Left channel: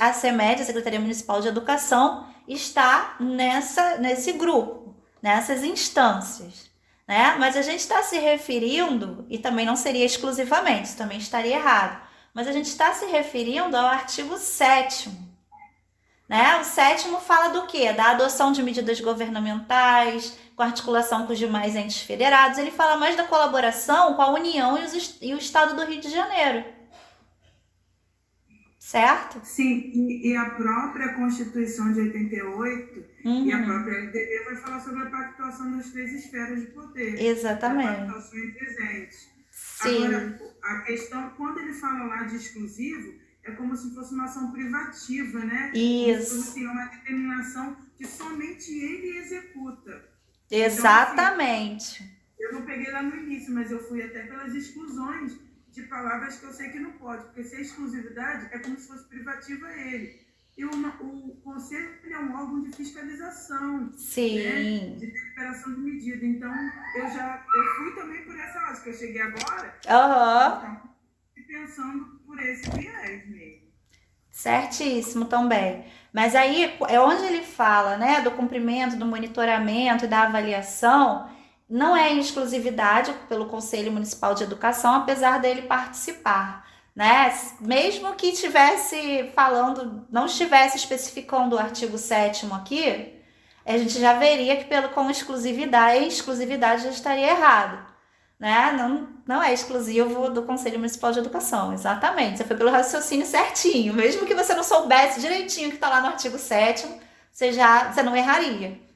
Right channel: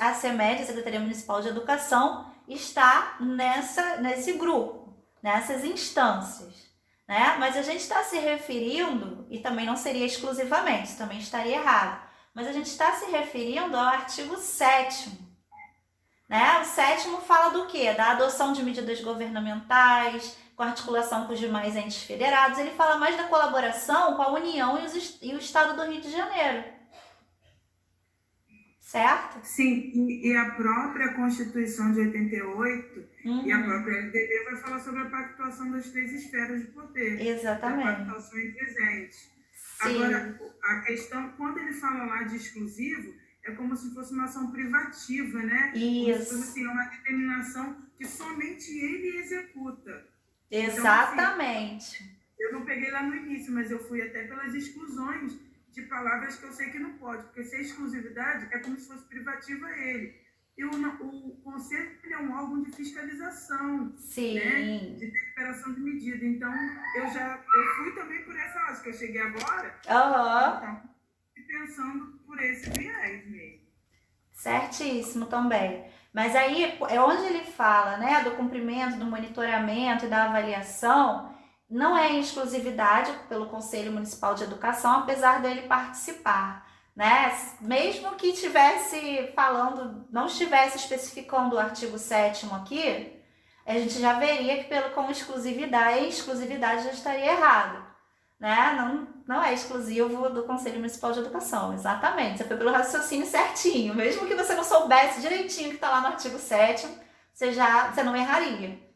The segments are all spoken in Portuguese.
a CEMED, a Secretaria Municipal de Educação, está nesse grupo, nessas instâncias, né? Mas a gente está se referindo, e também não seria exclusivamente, isso também estaria errado, mas a gente está se referindo ao artigo 7º, né? O 7º fala do quê? Da adoção de medidas governamentais, com articulação com os demais entes federados. Ele fala mais da colaboração com a União e o Estado do Rio de Janeiro. Certo? Sim, e a própria Constituição de 88 e a própria LDB vai falar sobre a pactuação das 3 esferas de poder. Exatamente. A pactuação entre os entes. Sim. Agora, a questão, quando ele fala lá de exclusivo, é como se fosse uma ação privativa, né? Isso. Como se fosse uma determinação que somente ele executa. Exatamente. Então, assim, eu não peguei lá no início, mas eu fui até pelas exclusões de palavras que eu sei que não pode, porque se é exclusividade, é como se fosse privativa a ele. E o conselho é um órgão de fiscalização, sim, né? De deliberação de medida. Então, eu fui também por essa ótica, que eu cheguei agora, então, pensando por esse viés mesmo. Certíssimo também. Mas aí, é onde ele fala, né, do cumprimento, do monitoramento e da avaliação, não é em exclusividade pelo Conselho Municipal de Educação, apesar dele participar, né? Mesmo que estivesse falando, não estivesse especificando o artigo 7º aqui, a gente já veria que com exclusividade já estaria errado, né? Não é exclusivo do Conselho Municipal de Educação, exatamente. Você foi pelo raciocínio certinho, mesmo que você não soubesse direitinho o que está lá no artigo 7º, você não erraria.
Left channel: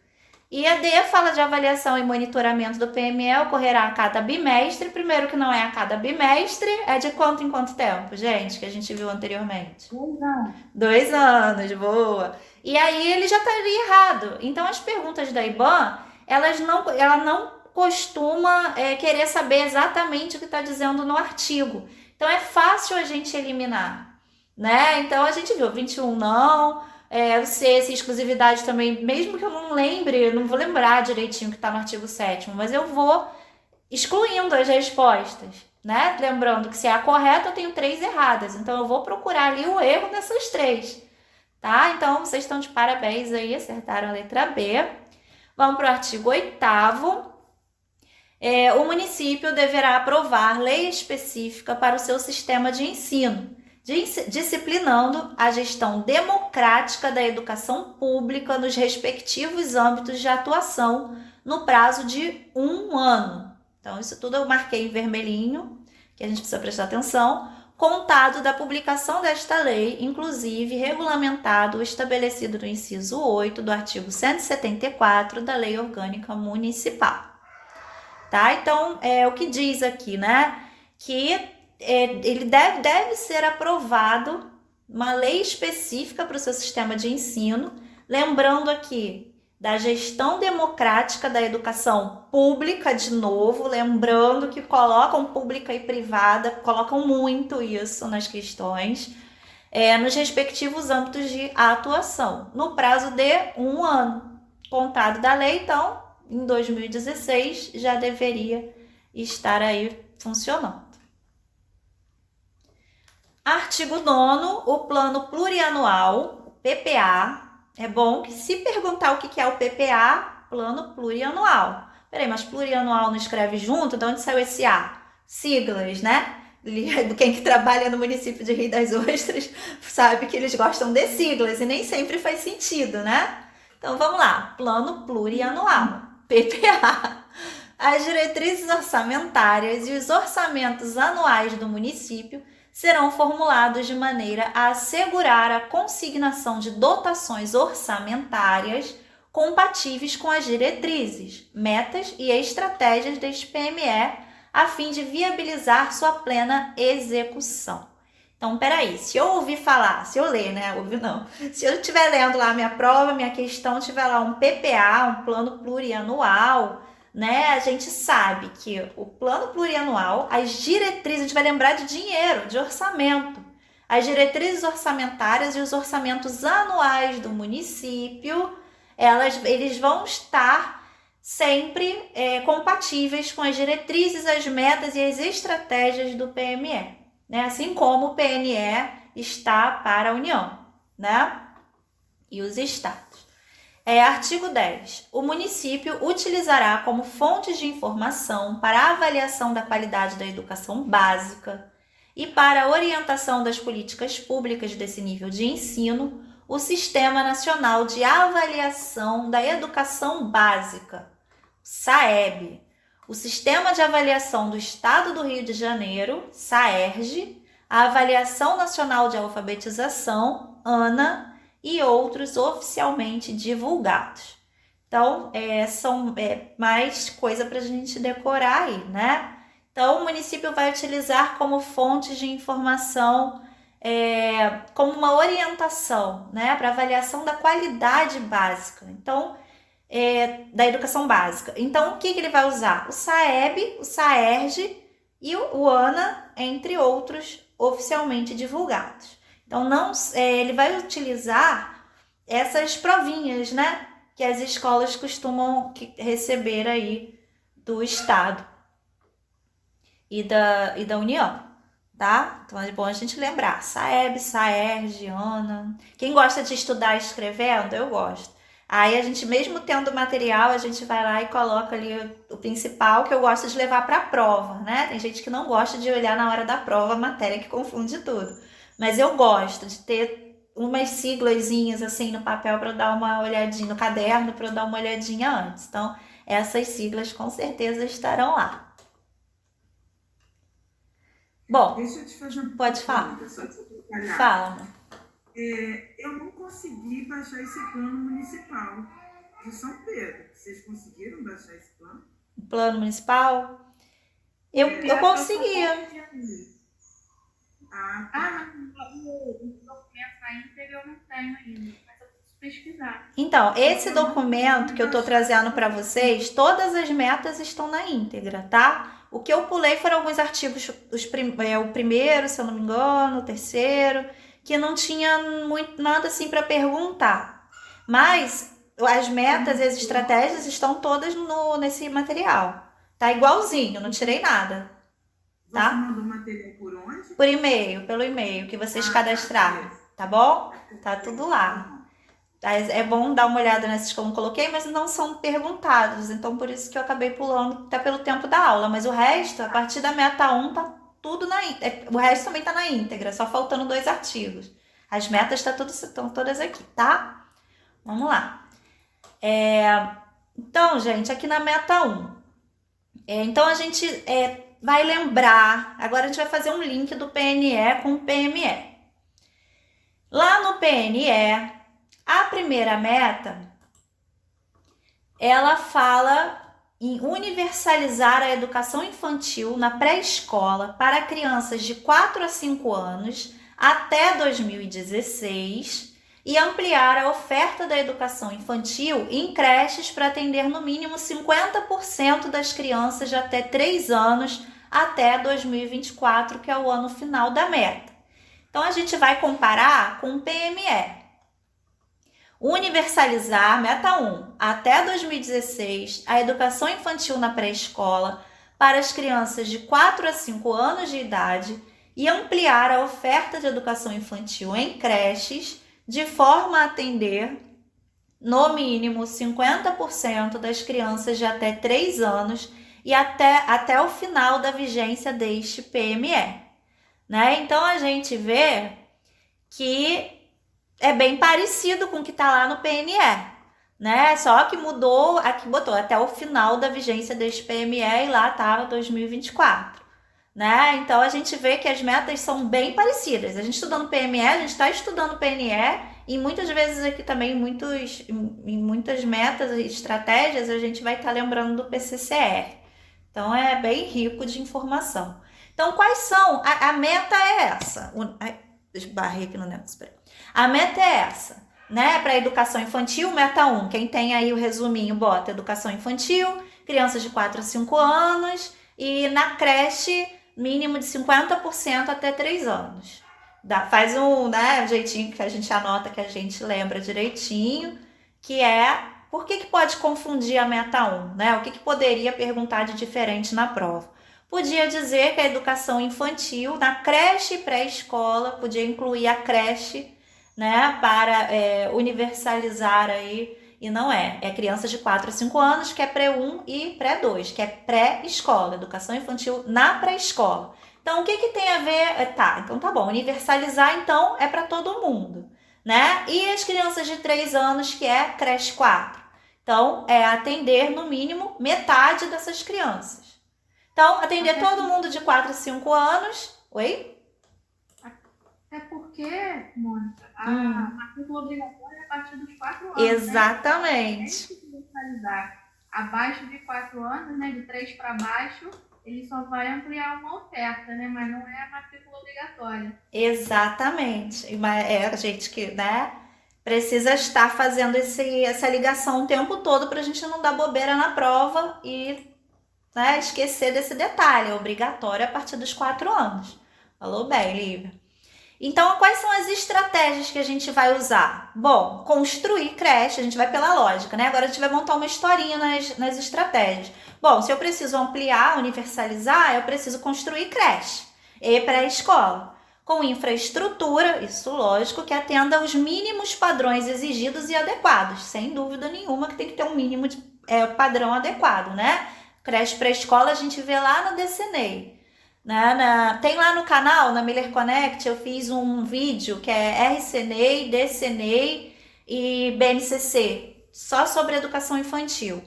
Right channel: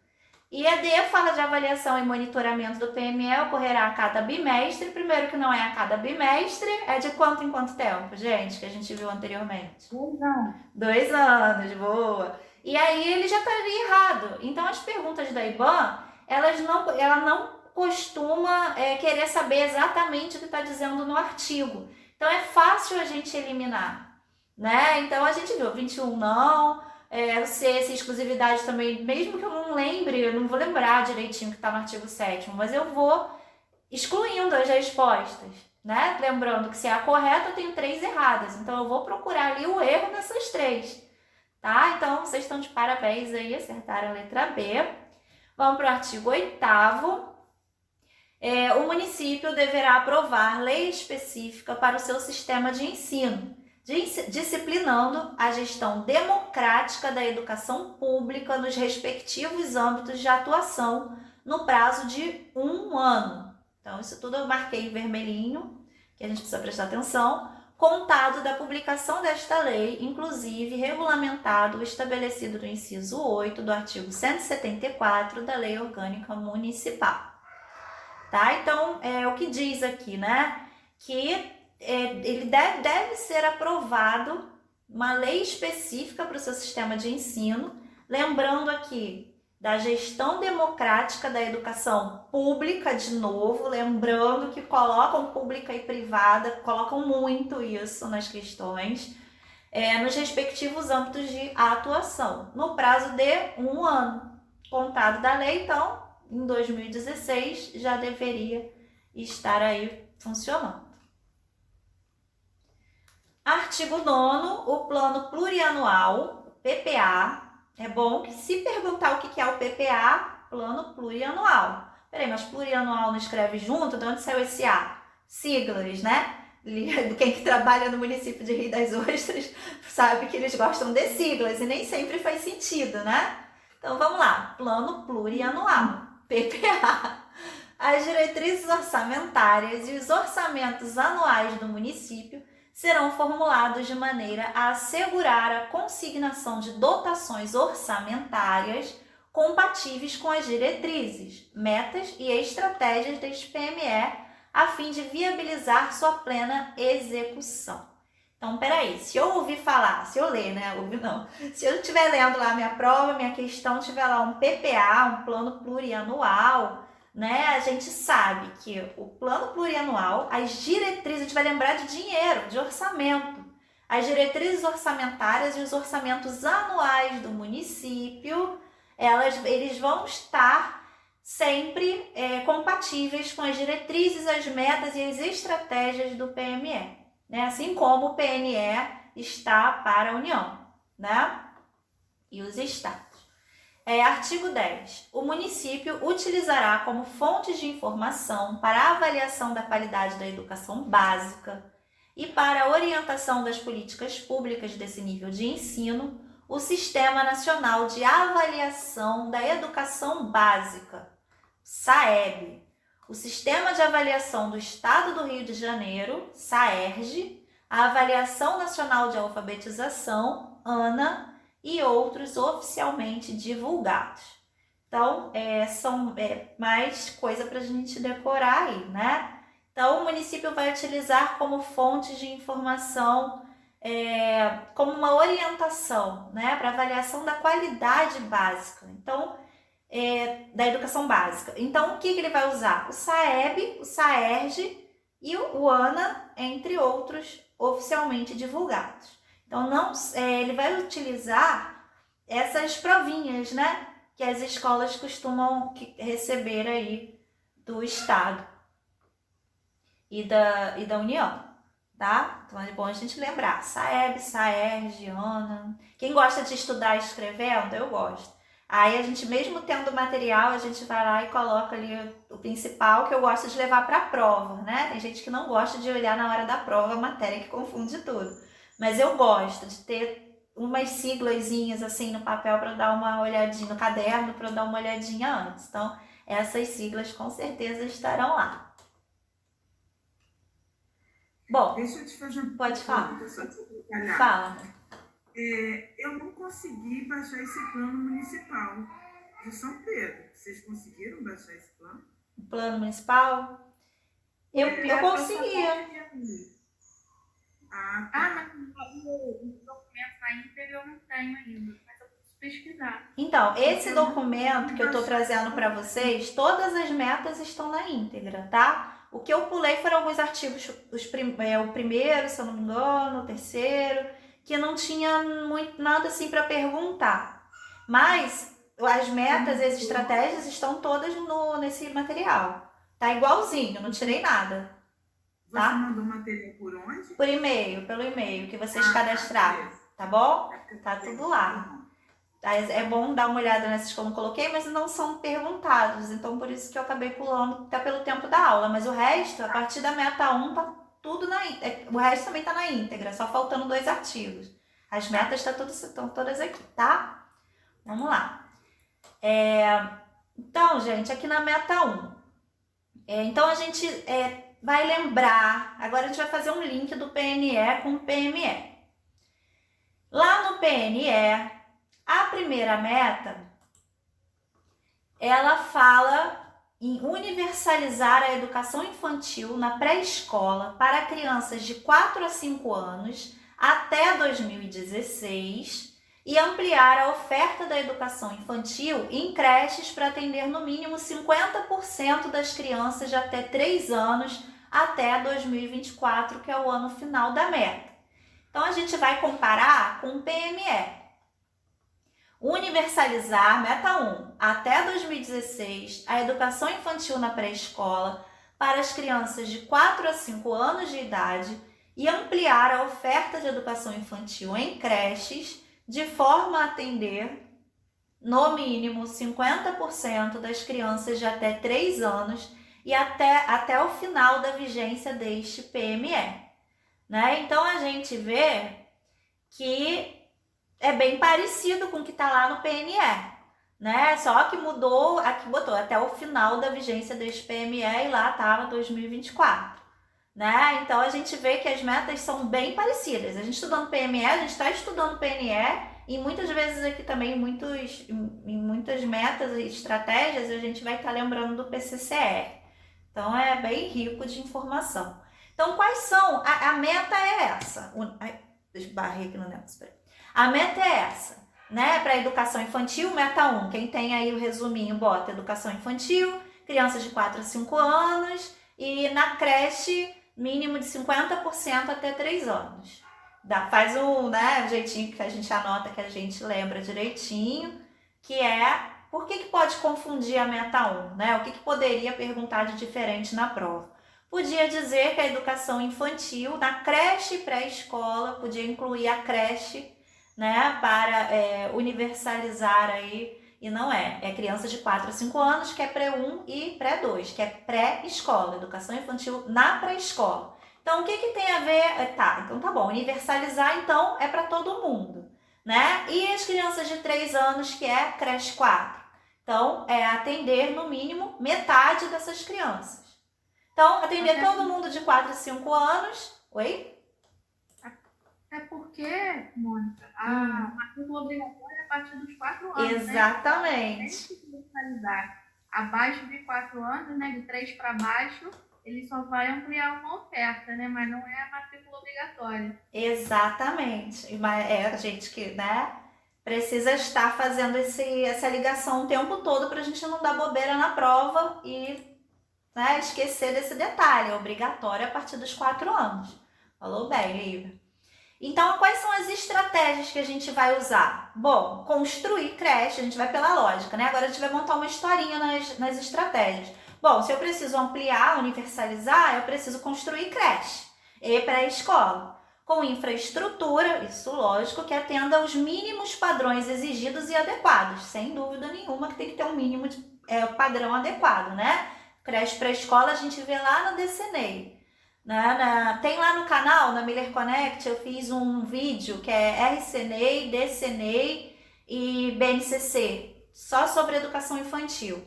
E a D fala de avaliação e monitoramento do PME, ocorrerá a cada bimestre. Primeiro que não é a cada bimestre, é de quanto em quanto tempo, gente? Que a gente viu anteriormente. 2 anos. 2 anos, boa. E aí ele já estaria errado. Então as perguntas da IBAN, ela não costuma querer saber exatamente o que está dizendo no artigo. Então é fácil a gente eliminar, né? Então a gente viu 21 não... se exclusividade também, mesmo que eu não lembre, eu não vou lembrar direitinho o que está no artigo 7º, mas eu vou excluindo as respostas, né? Lembrando que se é a correta, eu tenho 3 erradas, então eu vou procurar ali o erro dessas 3, tá? Então, vocês estão de parabéns aí, acertaram a letra B. Vamos para o artigo 8º. O município deverá aprovar lei específica para o seu sistema de ensino, disciplinando a gestão democrática da educação pública nos respectivos âmbitos de atuação no prazo de 1 ano. Então, isso tudo eu marquei em vermelhinho, que a gente precisa prestar atenção, contado da publicação desta lei, inclusive regulamentado o estabelecido no inciso 8 do artigo 174 da Lei Orgânica Municipal. Tá? Então, o que diz aqui, né? Que ele deve ser aprovado uma lei específica para o seu sistema de ensino, lembrando aqui da gestão democrática da educação pública, de novo, lembrando que colocam pública e privada, colocam muito isso nas questões, nos respectivos âmbitos de atuação, no prazo de 1 ano, contado da lei. Então, em 2016, já deveria estar aí funcionando. Artigo 9º, o Plano Plurianual, PPA. É bom que se perguntar o que é o PPA, Plano Plurianual. Peraí, mas plurianual não escreve junto? De onde saiu esse A? Siglas, né? Quem que trabalha no município de Rio das Ostras sabe que eles gostam de siglas e nem sempre faz sentido, né? Então vamos lá, Plano Plurianual, PPA. As diretrizes orçamentárias e os orçamentos anuais do município serão formulados de maneira a assegurar a consignação de dotações orçamentárias compatíveis com as diretrizes, metas e estratégias deste PME, a fim de viabilizar sua plena execução. Então, peraí, se eu ouvir falar, se eu ler, né? Ouvir não. Se eu estiver lendo lá minha prova, minha questão, tiver lá um PPA, um plano plurianual, né? A gente sabe que o plano plurianual, as diretrizes, a gente vai lembrar de dinheiro, de orçamento. As diretrizes orçamentárias e os orçamentos anuais do município, eles vão estar sempre compatíveis com as diretrizes, as metas e as estratégias do PME, né? Assim como o PNE está para a União. né? E os estados. Artigo 10. O município utilizará como fontes de informação para a avaliação da qualidade da educação básica e para a orientação das políticas públicas desse nível de ensino o Sistema Nacional de Avaliação da Educação Básica, SAEB, o Sistema de Avaliação do Estado do Rio de Janeiro, SAERJ, a Avaliação Nacional de Alfabetização, ANA, e outros oficialmente divulgados. Então, são mais coisa para a gente decorar aí, né? Então, o município vai utilizar como fonte de informação, como uma orientação, né, para avaliação da qualidade básica. Então, da educação básica. Então, o que ele vai usar? O SAEB, o SAERJ e o ANA, entre outros oficialmente divulgados. Então, ele vai utilizar essas provinhas, né, que as escolas costumam receber aí do Estado e da União, tá? Então, é bom a gente lembrar. SAEB, SAERJ, ANA. Quem gosta de estudar escrevendo, eu gosto. Aí a gente, mesmo tendo material, a gente vai lá e coloca ali o principal, que eu gosto de levar para a prova, né? Tem gente que não gosta de olhar na hora da prova a matéria, que confunde tudo. Mas eu gosto de ter umas siglazinhas assim no papel para eu dar uma olhadinha, no caderno para eu dar uma olhadinha antes. Então, essas siglas com certeza estarão lá. Bom, deixa eu te fazer uma pode falar. Só de detalhar. Fala. Eu não consegui baixar esse plano municipal de São Pedro. Vocês conseguiram baixar esse plano? O plano municipal? Eu consegui. Mas o documento na íntegra eu não tenho ainda, mas eu preciso pesquisar. Então, esse documento que eu estou trazendo para vocês, todas as metas estão na íntegra, tá? O que eu pulei foram alguns artigos, o primeiro, se eu não me engano, o terceiro, que não tinha nada assim para perguntar. Mas as metas e as estratégias estão todas nesse material. Tá igualzinho, não tirei nada. Você mandou material por onde? Por e-mail, pelo e-mail que vocês cadastraram, tá bom? Tá tudo lá. É bom dar uma olhada nessas que eu não coloquei, mas não são perguntados, então por isso que eu acabei pulando, até pelo tempo da aula. Mas o resto, a partir da meta 1, tá tudo o resto também tá na íntegra, só faltando 2 artigos. As metas estão todas aqui, tá? Vamos lá. Então, gente, aqui na meta 1. Então, a gente vai lembrar, agora a gente vai fazer um link do PNE com o PME. Lá no PNE, a primeira meta, ela fala em universalizar a educação infantil na pré-escola para crianças de 4 a 5 anos até 2016 e ampliar a oferta da educação infantil em creches para atender no mínimo 50% das crianças de até 3 anos até 2024, que é o ano final da meta. Então, a gente vai comparar com o PME. Universalizar, meta 1, até 2016, a educação infantil na pré-escola para as crianças de 4 a 5 anos de idade e ampliar a oferta de educação infantil em creches de forma a atender, no mínimo, 50% das crianças de até 3 anos e até o final da vigência deste PME. Né? Então, a gente vê que é bem parecido com o que está lá no PNE, né? Só que mudou, aqui botou até o final da vigência deste PME e lá estava 2024, né? Então, a gente vê que as metas são bem parecidas. A gente estudando PME, a gente está estudando PNE e muitas vezes aqui também, em muitas metas e estratégias, a gente vai estar lembrando do PCCR. Então, é bem rico de informação. Então, quais são? A meta é essa. Deixa eu barrer aqui no negócio, peraí. A meta é essa, né? Para a educação infantil, meta 1. Quem tem aí o resuminho, bota educação infantil, crianças de 4 a 5 anos e na creche, mínimo de 50% até 3 anos. Faz um jeitinho que a gente anota, que a gente lembra direitinho, que é por que pode confundir a meta 1, né? O que poderia perguntar de diferente na prova? Podia dizer que a educação infantil na creche e pré-escola, podia incluir a creche, né, para universalizar aí, e não é. É crianças de 4 a 5 anos, que é pré-1 e pré-2, que é pré-escola, educação infantil na pré-escola. Então, o que tem a ver? Então tá bom, universalizar então é para todo mundo, né? E as crianças de 3 anos, que é creche 4. Então, é atender no mínimo metade dessas crianças. Então, atender todo mundo de 4 a 5 anos. Oi? Até porque, Mônica, a matrícula obrigatória é a partir dos 4 anos. Exatamente. Né? Tem que localizar abaixo de 4 anos, né? De 3 para baixo, ele só vai ampliar uma oferta, né? Mas não é a matrícula obrigatória. Exatamente. Mas a gente que, né, precisa estar fazendo essa ligação o tempo todo para a gente não dar bobeira na prova e, né, esquecer desse detalhe. É obrigatório a partir dos 4 anos. Falou bem, Lívia. Então, quais são as estratégias que a gente vai usar? Bom, construir creche, a gente vai pela lógica, né? Agora a gente vai montar uma historinha nas estratégias. Bom, se eu preciso ampliar, universalizar, eu preciso construir creche e pré-escola. Com infraestrutura, isso lógico, que atenda aos mínimos padrões exigidos e adequados. Sem dúvida nenhuma que tem que ter um mínimo de padrão adequado, né? Creche pré-escola a gente vê lá no DCNEI. Tem lá no canal, na Miller Connect, eu fiz um vídeo que é RCNEI, DCNEI e BNCC, só sobre educação infantil.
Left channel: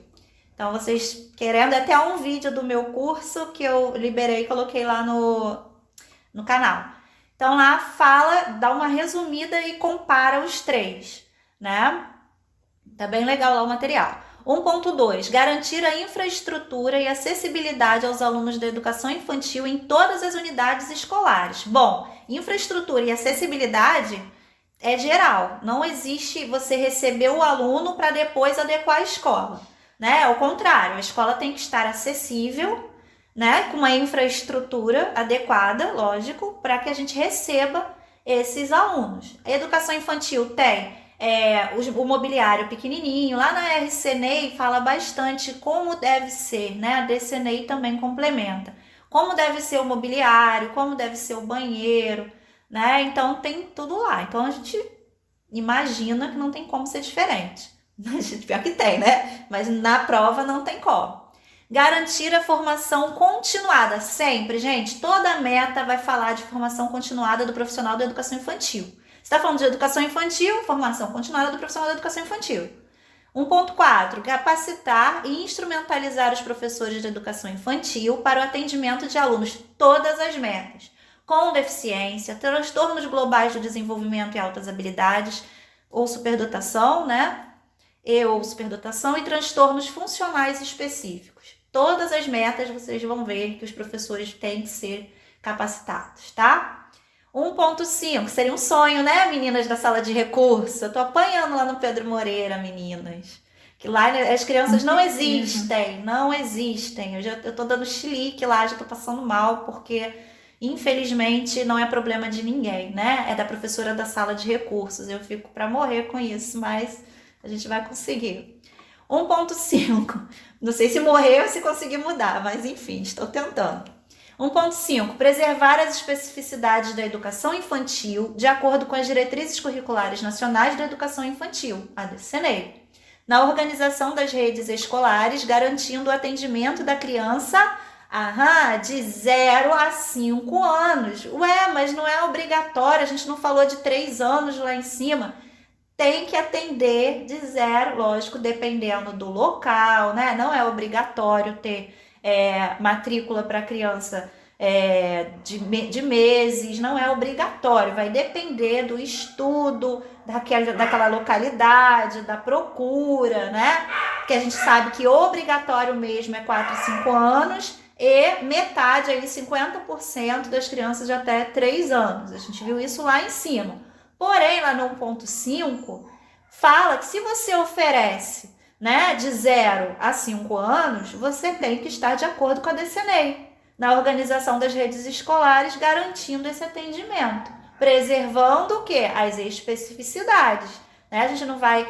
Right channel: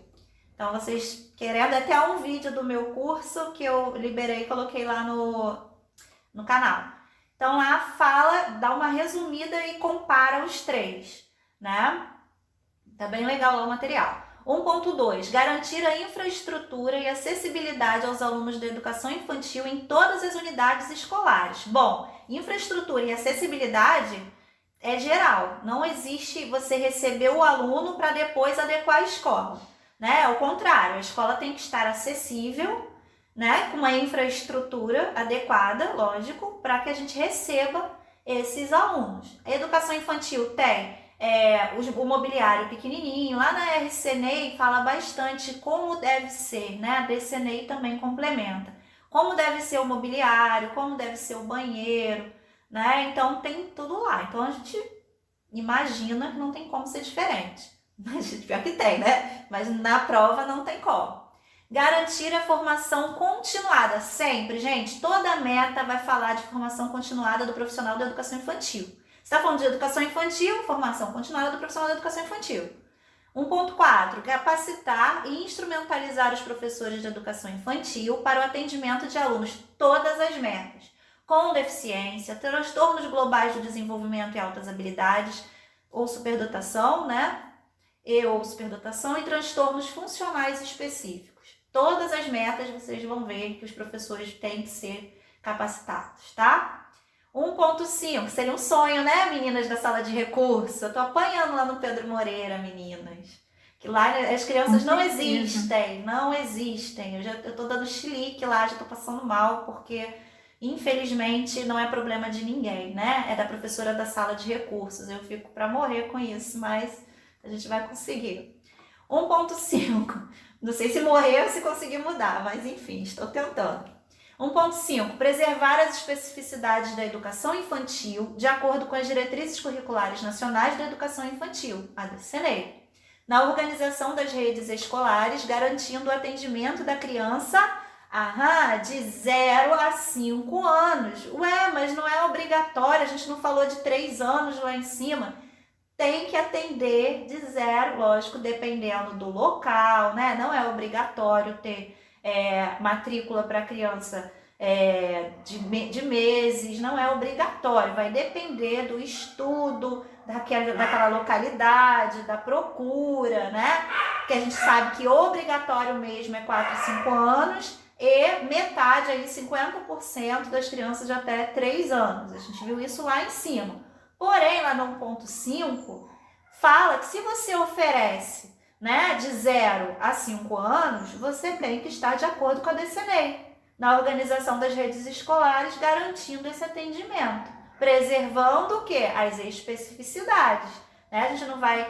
Então, vocês querendo, até um vídeo do meu curso que eu liberei e coloquei lá no canal. Então, lá dá uma resumida e compara os 3, né? Tá bem legal lá o material. 1.2. Garantir a infraestrutura e acessibilidade aos alunos da educação infantil em todas as unidades escolares. Bom, infraestrutura e acessibilidade é geral. Não existe você receber o aluno para depois adequar a escola, né? Ao contrário, a escola tem que estar acessível, né? Com a infraestrutura adequada, lógico, para que a gente receba esses alunos. A educação infantil tem o mobiliário pequenininho. Lá na RCNEI fala bastante como deve ser, né? A DCNEI também complementa. Como deve ser o mobiliário, como deve ser o banheiro, né? Então tem tudo lá. Então a gente imagina que não tem como ser diferente. Pior que tem, né? Mas na prova não tem como. Garantir a formação continuada. Sempre, gente, toda meta vai falar de formação continuada do profissional da educação infantil. Você está falando de educação infantil, formação continuada do profissional da educação infantil. 1.4. Capacitar e instrumentalizar os professores de educação infantil para o atendimento de alunos, todas as metas, com deficiência, transtornos globais do desenvolvimento e altas habilidades, ou superdotação, né? Ou superdotação, e transtornos funcionais específicos. Todas as metas vocês vão ver que os professores têm que ser capacitados, tá? 1.5, seria um sonho, né, meninas da sala de recurso? Eu tô apanhando lá no Pedro Moreira, meninas. Que lá as crianças não existem. Eu tô dando chilique lá, já tô passando mal, porque infelizmente não é problema de ninguém, né? É da professora da sala de recursos. Eu fico para morrer com isso, mas a gente vai conseguir. 1.5, não sei se morrer ou se conseguir mudar, mas enfim, estou tentando. 1.5. Preservar as especificidades da educação infantil de acordo com as diretrizes curriculares nacionais da educação infantil, a DCNEI, na organização das redes escolares, garantindo o atendimento da criança de 0 a 5 anos. Ué, mas não é obrigatório, a gente não falou de 3 anos lá em cima. Tem que atender de 0, lógico, dependendo do local, né? Não é obrigatório ter matrícula para criança de meses, não é obrigatório, vai depender do estudo daquela localidade, da procura, né? Porque a gente sabe que obrigatório mesmo é 4 a 5 anos e metade, aí 50% das crianças de até 3 anos. A gente viu isso lá em cima. Porém, lá no 1.5, fala que se você oferece, né, de 0 a 5 anos, você tem que estar de acordo com a DCNEI, na organização das redes escolares, garantindo esse atendimento, preservando o quê? As especificidades. Né? A gente não vai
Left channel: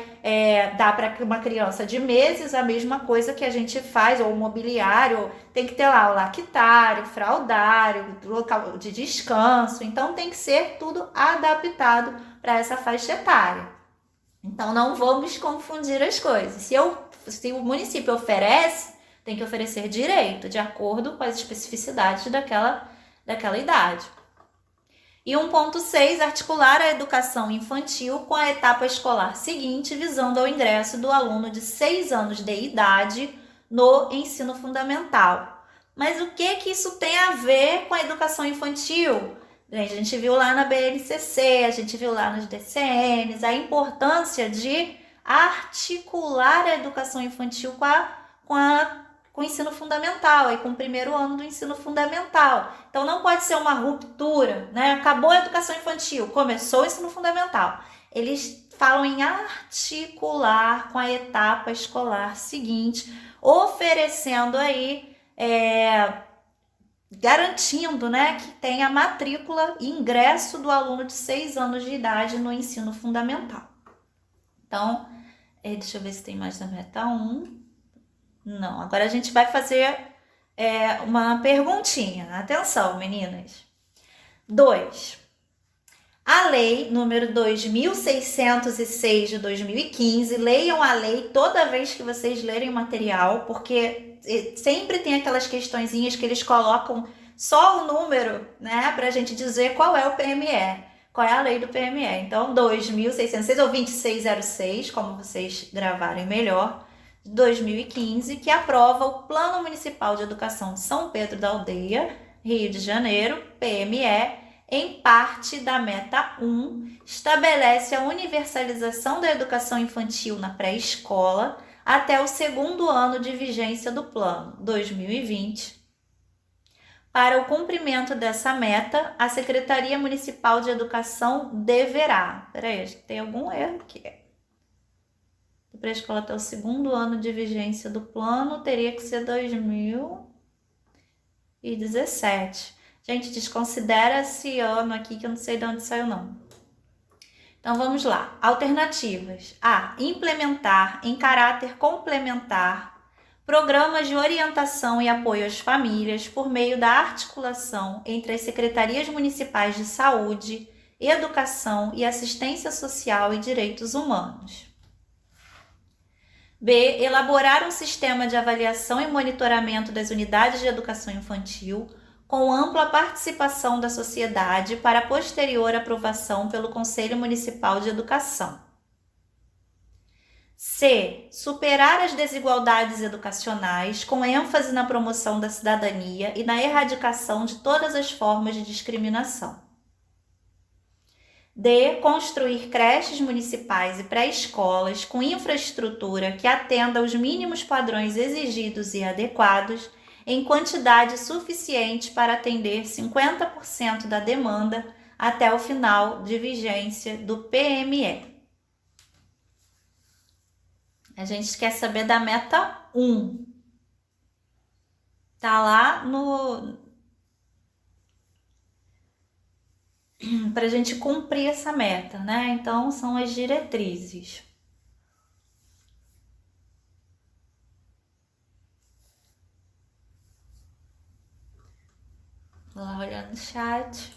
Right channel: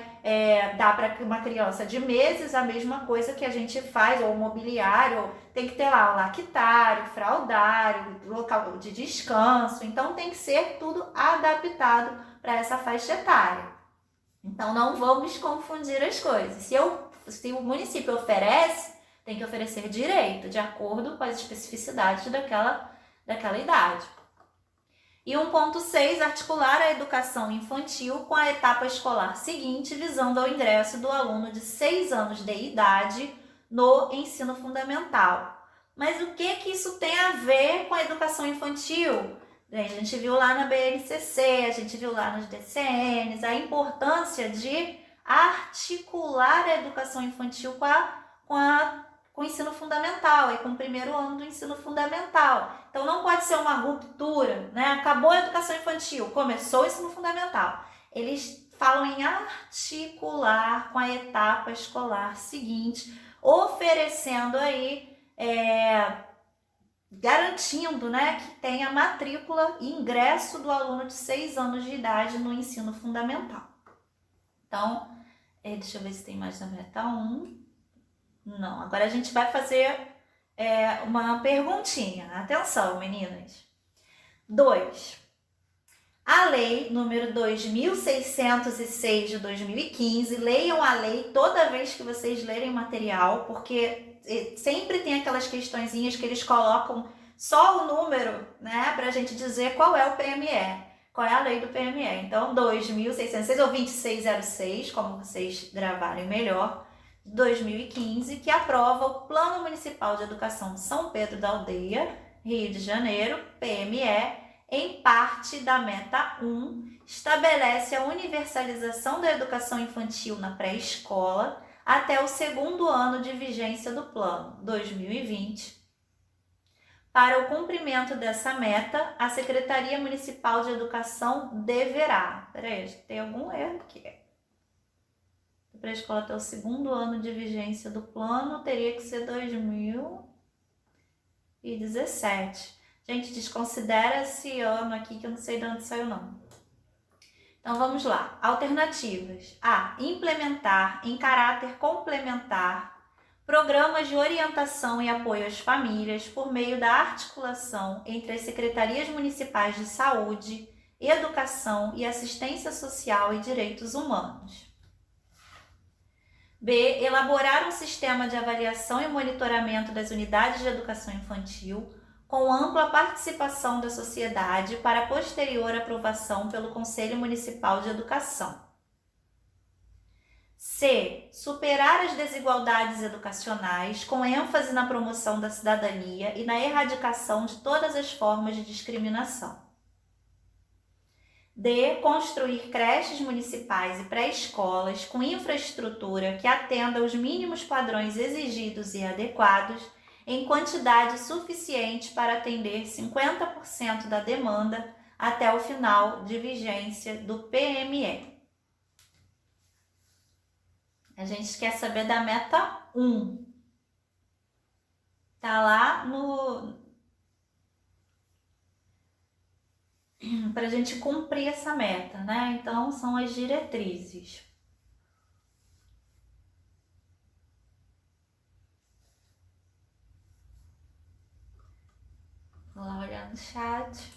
dar para uma criança de meses a mesma coisa que a gente faz, ou mobiliário, tem que ter lá o lactário, fraldário, local de descanso, então tem que ser tudo adaptado para essa faixa etária. Então, não vamos confundir as coisas. Se o município oferece, tem que oferecer direito, de acordo com as especificidades daquela idade. E 1.6, articular a educação infantil com a etapa escolar seguinte, visando ao ingresso do aluno de 6 anos de idade no ensino fundamental. Mas o que isso tem a ver com a educação infantil? A gente viu lá na BNCC, a gente viu lá nos DCNs, a importância de articular a educação infantil com o ensino fundamental, e com o primeiro ano do ensino fundamental. Então, não pode ser uma ruptura, né? Acabou a educação infantil, começou o ensino fundamental. Eles falam em articular com a etapa escolar seguinte, oferecendo aí, garantindo, né, que tem a matrícula e ingresso do aluno de 6 anos de idade no ensino fundamental. Então, deixa eu ver se tem mais da meta 1. Não, agora a gente vai fazer uma perguntinha. Atenção, meninas. 2. A lei número 2.606 de 2015, leiam a lei toda vez que vocês lerem material, porque sempre tem aquelas questõezinhas que eles colocam só o número, né, para a gente dizer qual é o PME, qual é a lei do PME. Então, 2.606 ou 2606, como vocês gravarem melhor, 2015, que aprova o Plano Municipal de Educação de São Pedro da Aldeia, Rio de Janeiro, PME, em parte da meta 1, estabelece a universalização da educação infantil na pré-escola até o 2º ano de vigência do plano, 2020. Para o cumprimento dessa meta, a Secretaria Municipal de Educação deverá... Peraí, acho que tem algum erro aqui. Pré-escola até o 2º ano de vigência do plano, teria que ser 2017. Gente, desconsidera esse ano aqui, que eu não sei de onde saiu, não. Então, vamos lá. Alternativas. A. Implementar em caráter complementar programas de orientação e apoio às famílias por meio da articulação entre as secretarias municipais de saúde, educação e assistência social e direitos humanos. B. Elaborar um sistema de avaliação e monitoramento das unidades de educação infantil com ampla participação da sociedade para posterior aprovação pelo Conselho Municipal de Educação. C. Superar as desigualdades educacionais com ênfase na promoção da cidadania e na erradicação de todas as formas de discriminação. D. Construir creches municipais e pré-escolas com infraestrutura que atenda aos mínimos padrões exigidos e adequados em quantidade suficiente para atender 50% da demanda até o final de vigência do PME. A gente quer saber da meta 1. Tá lá para a gente cumprir essa meta, né? Então, são as diretrizes. Vou lá olhar no chat.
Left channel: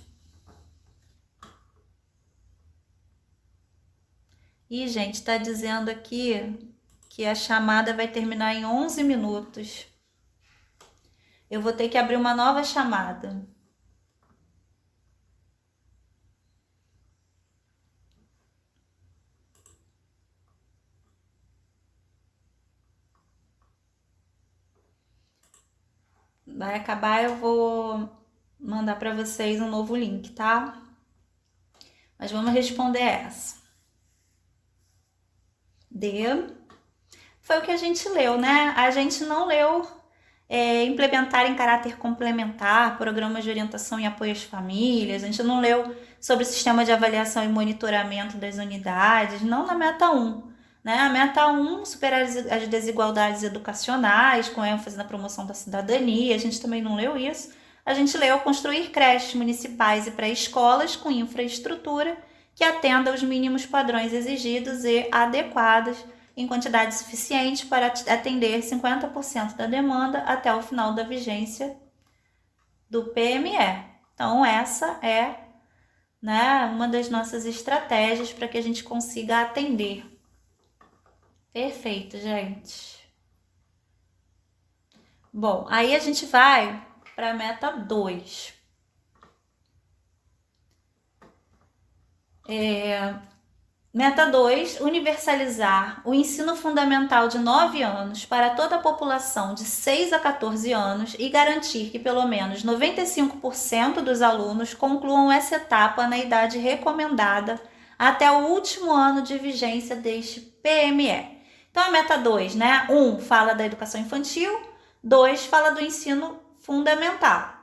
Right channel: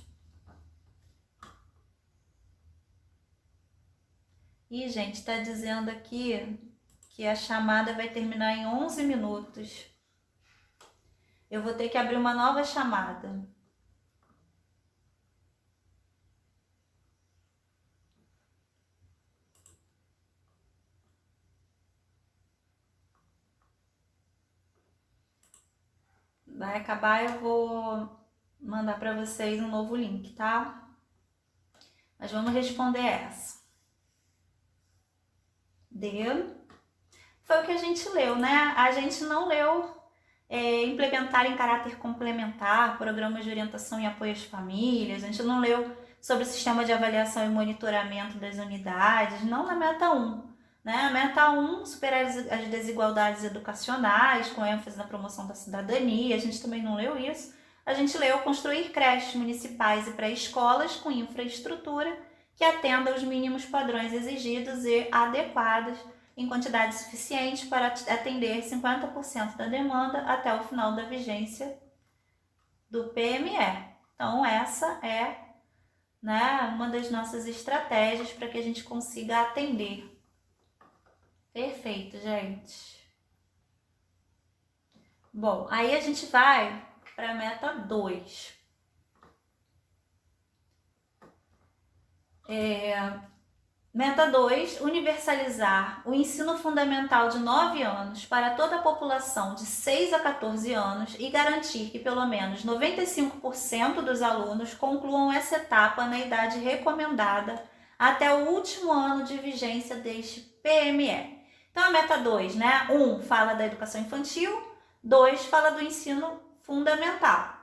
E, gente, tá dizendo aqui que a chamada vai terminar em 11 minutos. Eu vou ter que abrir uma nova chamada. Vai acabar, eu vou mandar para vocês um novo link, tá? Mas vamos responder essa. D. Foi o que a gente leu, né? A gente não leu implementar em caráter complementar programas de orientação e apoio às famílias. A gente não leu sobre o sistema de avaliação e monitoramento das unidades, não na meta 1. Né? A meta 1, superar as desigualdades educacionais, com ênfase na promoção da cidadania, a gente também não leu isso. A gente leu construir creches municipais e pré-escolas com infraestrutura que atenda aos mínimos padrões exigidos e adequados em quantidade suficiente para atender 50% da demanda até o final da vigência do PME. Então, essa é né, uma das nossas estratégias para que a gente consiga atender. Perfeito, gente. Bom, aí a gente vai para a meta 2. Meta 2, universalizar o ensino fundamental de 9 anos para toda a população de 6 a 14 anos e garantir que pelo menos 95% dos alunos concluam essa etapa na idade recomendada até o último ano de vigência deste PME. Então, a meta 2, né? 1 fala da educação infantil, 2 fala do ensino fundamental.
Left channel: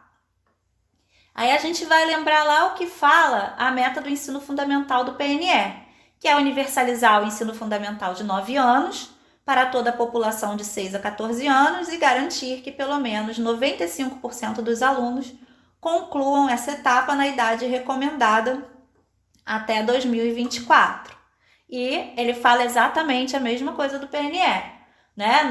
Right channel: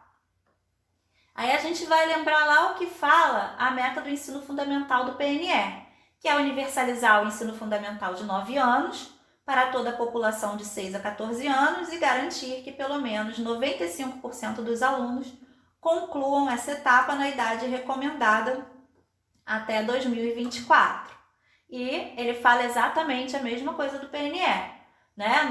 Aí a gente vai lembrar lá o que fala a meta do ensino fundamental do PNE, que é universalizar o ensino fundamental de 9 anos para toda a população de 6 a 14 anos e garantir que pelo menos 95% dos alunos concluam essa etapa na idade recomendada até 2024. E ele fala exatamente a mesma coisa do PNE, né?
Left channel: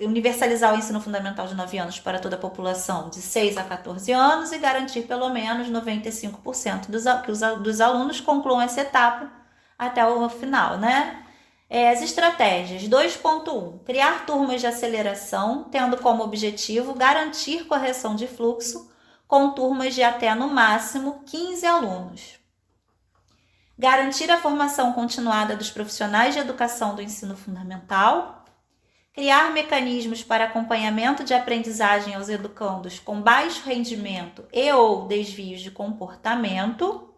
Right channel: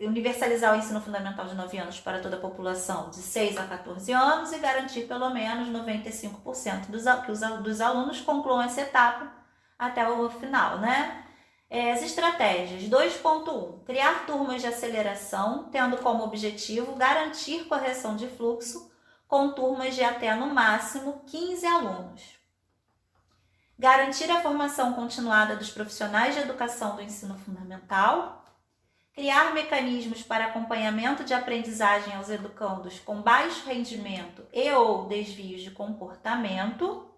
Universalizar o ensino fundamental de 9 anos para toda a população de 6 a 14 anos e garantir pelo menos 95% dos alunos concluam essa etapa até o final, né? As estratégias 2.1, criar turmas de aceleração, tendo como objetivo garantir correção de fluxo com turmas de até no máximo 15 alunos. Garantir a formação continuada dos profissionais de educação do ensino fundamental, criar mecanismos para acompanhamento de aprendizagem aos educandos com baixo rendimento e ou desvios de comportamento.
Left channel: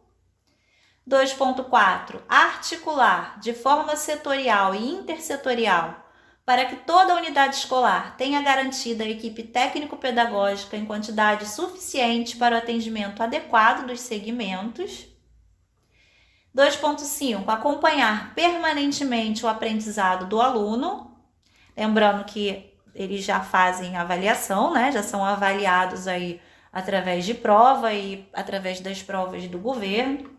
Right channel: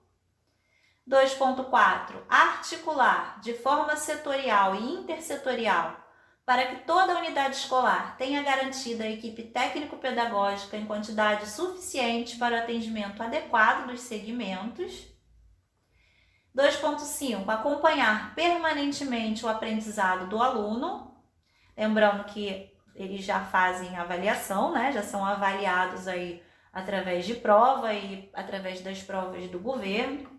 2.4. Articular de forma setorial e intersetorial para que toda a unidade escolar tenha garantida a equipe técnico-pedagógica em quantidade suficiente para o atendimento adequado dos segmentos. 2.5. Acompanhar permanentemente o aprendizado do aluno. Lembrando que eles já fazem avaliação, né? Já são avaliados aí através de prova e através das provas do governo.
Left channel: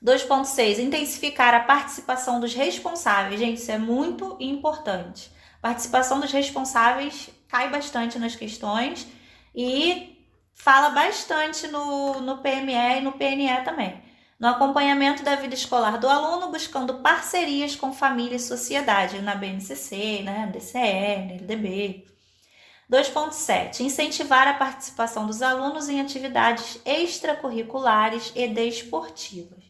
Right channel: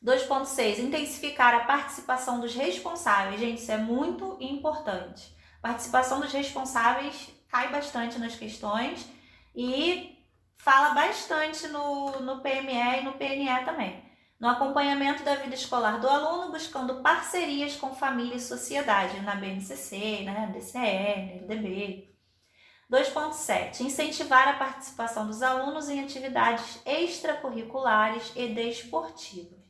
2.6. Intensificar a participação dos responsáveis. Gente, isso é muito importante. A participação dos responsáveis cai bastante nas questões e fala bastante no PME e no PNE também. No acompanhamento da vida escolar do aluno, buscando parcerias com família e sociedade, na BNCC, né, DCE, LDB. 2.7. Incentivar a participação dos alunos em atividades extracurriculares e desportivas.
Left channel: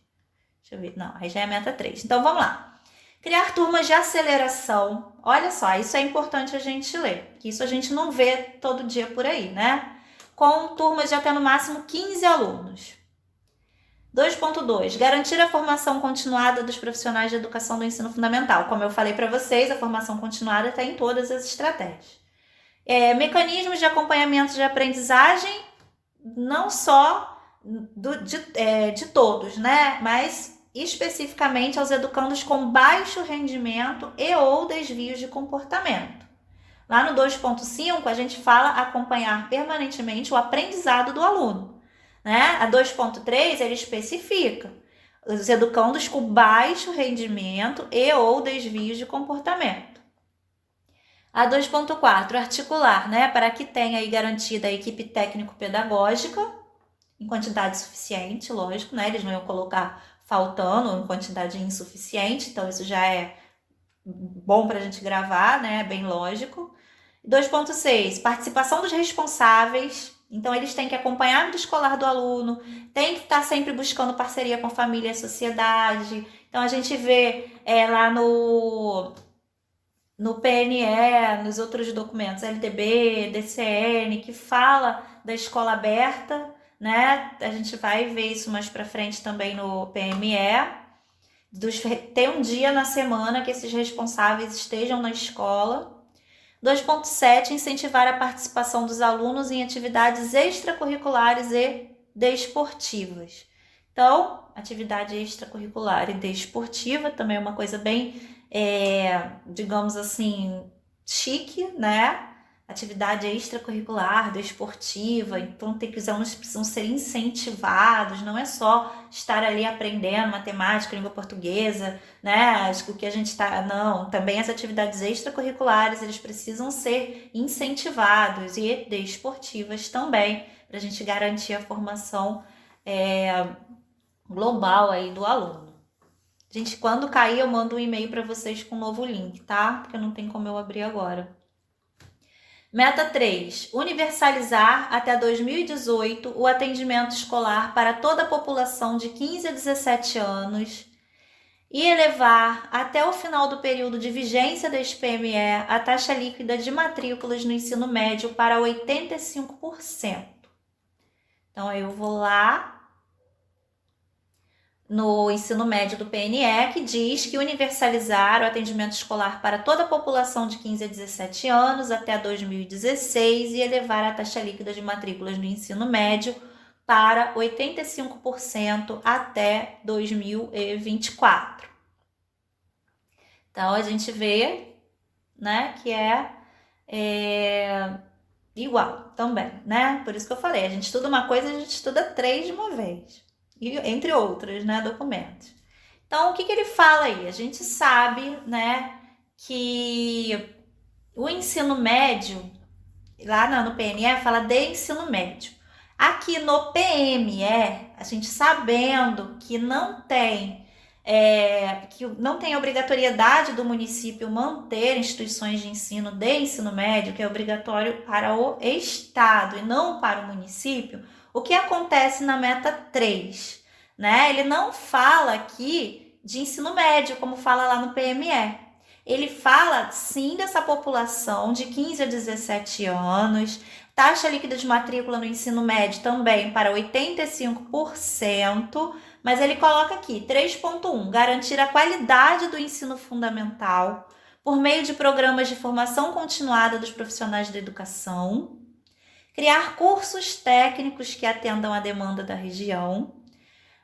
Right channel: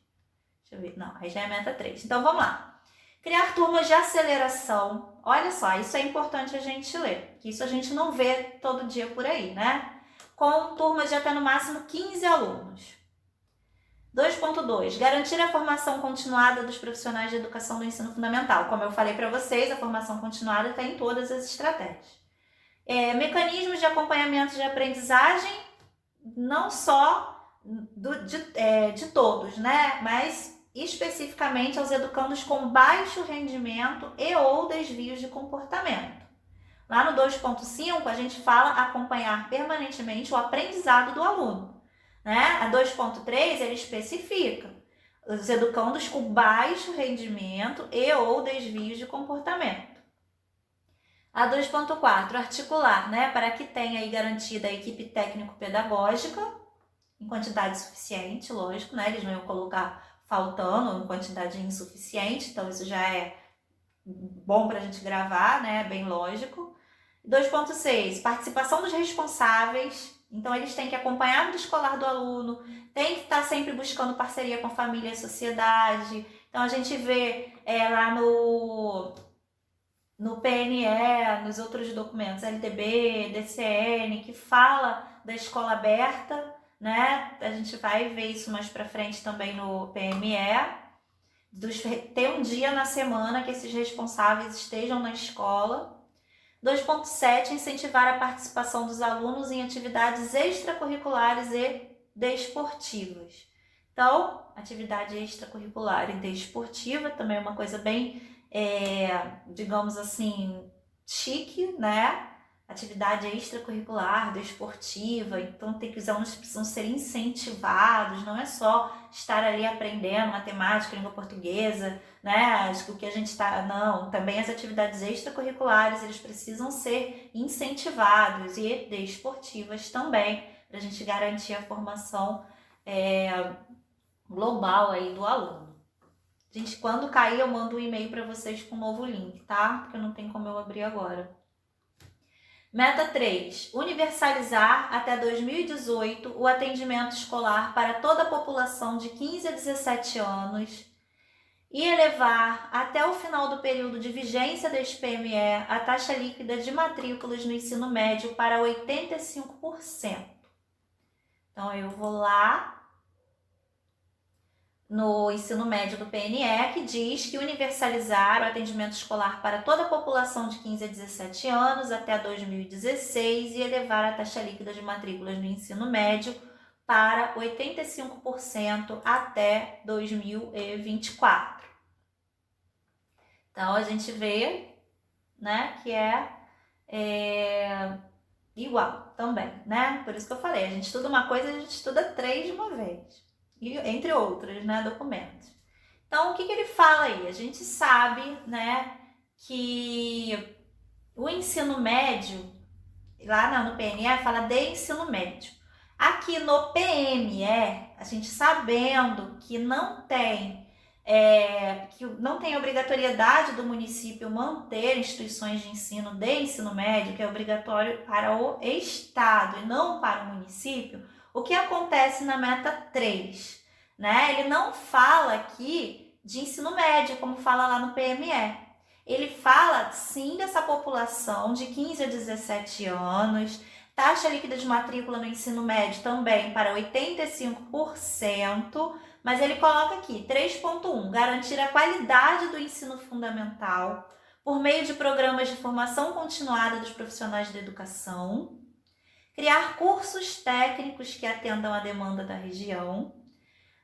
Deixa eu ver. Não, aí já é a meta 3. Então, vamos lá. Criar turmas de aceleração. Olha só, isso é importante a gente ler, que isso a gente não vê todo dia por aí, né? Com turmas de até no máximo 15 alunos. 2.2. Garantir a formação continuada dos profissionais de educação do ensino fundamental. Como eu falei para vocês, a formação continuada está em todas as estratégias. Mecanismos de acompanhamento de aprendizagem, não só de todos, né? Mas especificamente aos educandos com baixo rendimento e ou desvios de comportamento. Lá no 2.5, a gente fala acompanhar permanentemente o aprendizado do aluno. Né? A 2.3, ele especifica os educandos com baixo rendimento e ou desvios de comportamento. A 2.4, articular, né? Para que tenha aí garantida a equipe técnico-pedagógica em quantidade suficiente, lógico, né? Eles não iam colocar faltando em quantidade insuficiente, então isso já é bom para a gente gravar, né? Bem lógico. 2.6, participação dos responsáveis. Então, eles têm que acompanhar a vida escolar do aluno, tem que estar sempre buscando parceria com família e sociedade. Então, a gente vê lá no PNE, nos outros documentos, LDB, DCN, que fala da escola aberta, né? A gente vai ver isso mais para frente também no PME. Ter um dia na semana que esses responsáveis estejam na escola. 2.7, incentivar a participação dos alunos em atividades extracurriculares e desportivas. Então, atividade extracurricular e desportiva também é uma coisa bem, digamos assim, chique, né? Atividade extracurricular, desportiva, então os alunos precisam ser incentivados, não é só estar ali aprendendo matemática, língua portuguesa, né? Acho que o que a gente está... Não, também as atividades extracurriculares, eles precisam ser incentivados e desportivas também, para a gente garantir a formação global aí do aluno. Gente, quando cair, eu mando um e-mail para vocês com um novo link, tá? Porque não tem como eu abrir agora. Meta 3. Universalizar até 2018 o atendimento escolar para toda a população de 15 a 17 anos e elevar até o final do período de vigência deste PME a taxa líquida de matrículas no ensino médio para 85%. Então, eu vou lá no ensino médio do PNE, que diz que universalizar o atendimento escolar para toda a população de 15 a 17 anos até 2016 e elevar a taxa líquida de matrículas no ensino médio para 85% até 2024. Então, a gente vê, né, que é igual também, né? Por isso que eu falei, a gente estuda uma coisa, a gente estuda 3 de uma vez. E, entre outras, né, documentos. Então, o que ele fala aí? A gente sabe, né, que o ensino médio, lá no PNE, fala de ensino médio. Aqui no PME, a gente sabendo que não tem obrigatoriedade do município manter instituições de ensino de ensino médio, que é obrigatório para o Estado e não para o município. O que acontece na meta 3, né? Ele não fala aqui de ensino médio, como fala lá no PME. Ele fala, sim, dessa população de 15 a 17 anos, taxa líquida de matrícula no ensino médio também para 85%, mas ele coloca aqui, 3.1, garantir a qualidade do ensino fundamental por meio de programas de formação continuada dos profissionais da educação, criar cursos técnicos que atendam à demanda da região,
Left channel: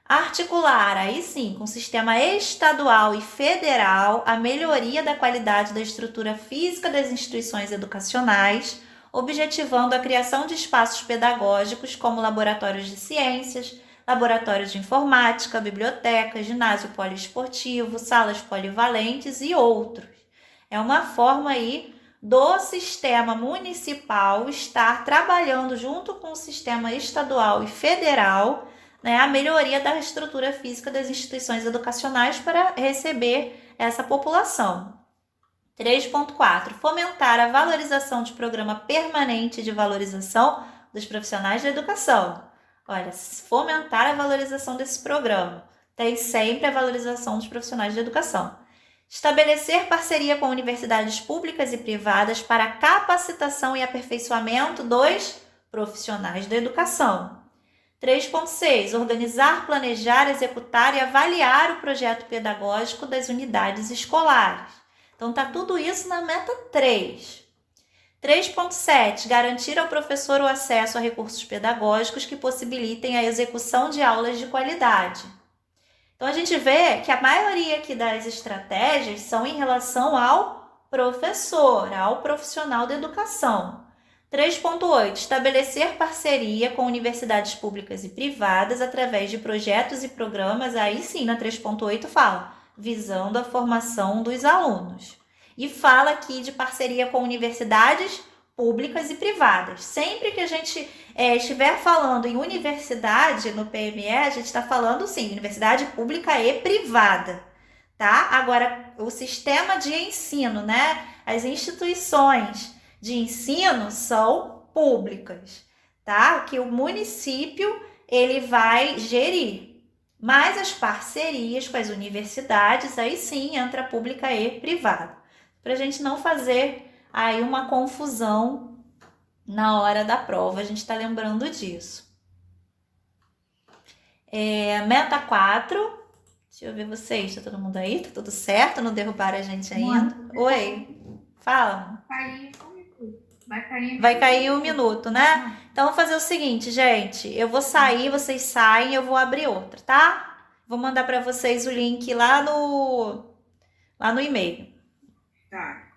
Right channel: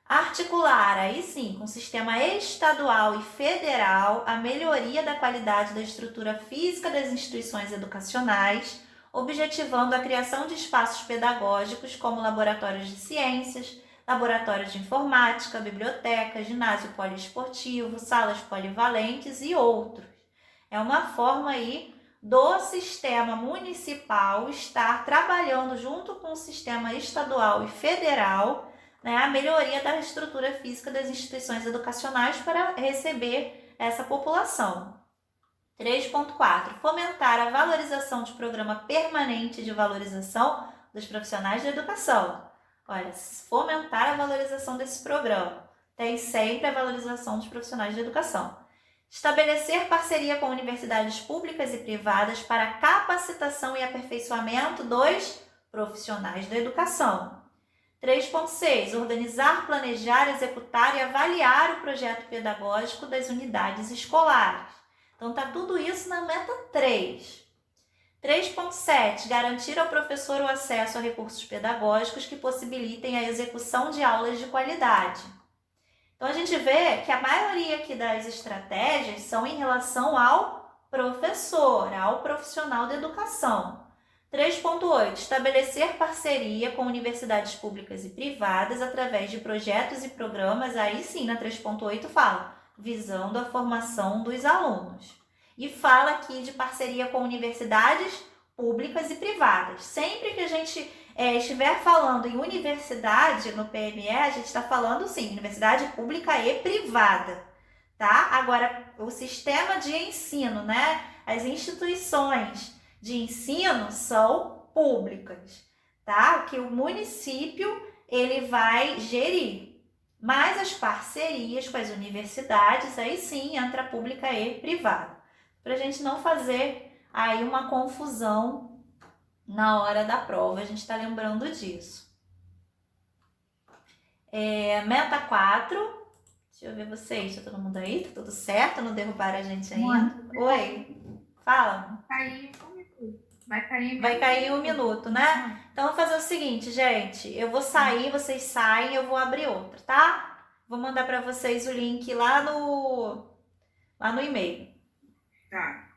articular, aí sim, com o sistema estadual e federal, a melhoria da qualidade da estrutura física das instituições educacionais, objetivando a criação de espaços pedagógicos como laboratórios de ciências, laboratórios de informática, biblioteca, ginásio poliesportivo, salas polivalentes e outros. É uma forma aí do sistema municipal estar trabalhando junto com o sistema estadual e federal, né, a melhoria da estrutura física das instituições educacionais para receber essa população. 3.4. Fomentar a valorização de programa permanente de valorização dos profissionais da educação. Olha, fomentar a valorização desse programa. Tem sempre a valorização dos profissionais da educação. Estabelecer parceria com universidades públicas e privadas para capacitação e aperfeiçoamento dos profissionais da educação. 3.6. Organizar, planejar, executar e avaliar o projeto pedagógico das unidades escolares. Então, tá tudo isso na meta 3. 3.7. Garantir ao professor o acesso a recursos pedagógicos que possibilitem a execução de aulas de qualidade. Então, a gente vê que a maioria aqui das estratégias são em relação ao professor, ao profissional da educação. 3.8. Estabelecer parceria com universidades públicas e privadas através de projetos e programas, aí sim, na 3.8 fala, visando a formação dos alunos. E fala aqui de parceria com universidades públicas e privadas. Sempre que a gente estiver falando em universidade no PME, a gente está falando, sim, universidade pública e privada, tá? Agora, o sistema de ensino, né? As instituições de ensino são públicas, tá? Que o município, ele vai gerir. Mas as parcerias com as universidades, aí sim, entra pública e privada. Para a gente não fazer aí uma confusão na hora da prova, a gente está lembrando disso. Meta 4, deixa eu ver vocês, tá todo mundo aí? Tá tudo certo? Não derrubaram a gente ainda? Oi, fala. Vai cair um minuto, né? Então, vou fazer o seguinte, gente, eu vou sair, vocês saem, eu vou abrir outra, tá? Vou mandar para vocês o link lá no e-mail. Tá.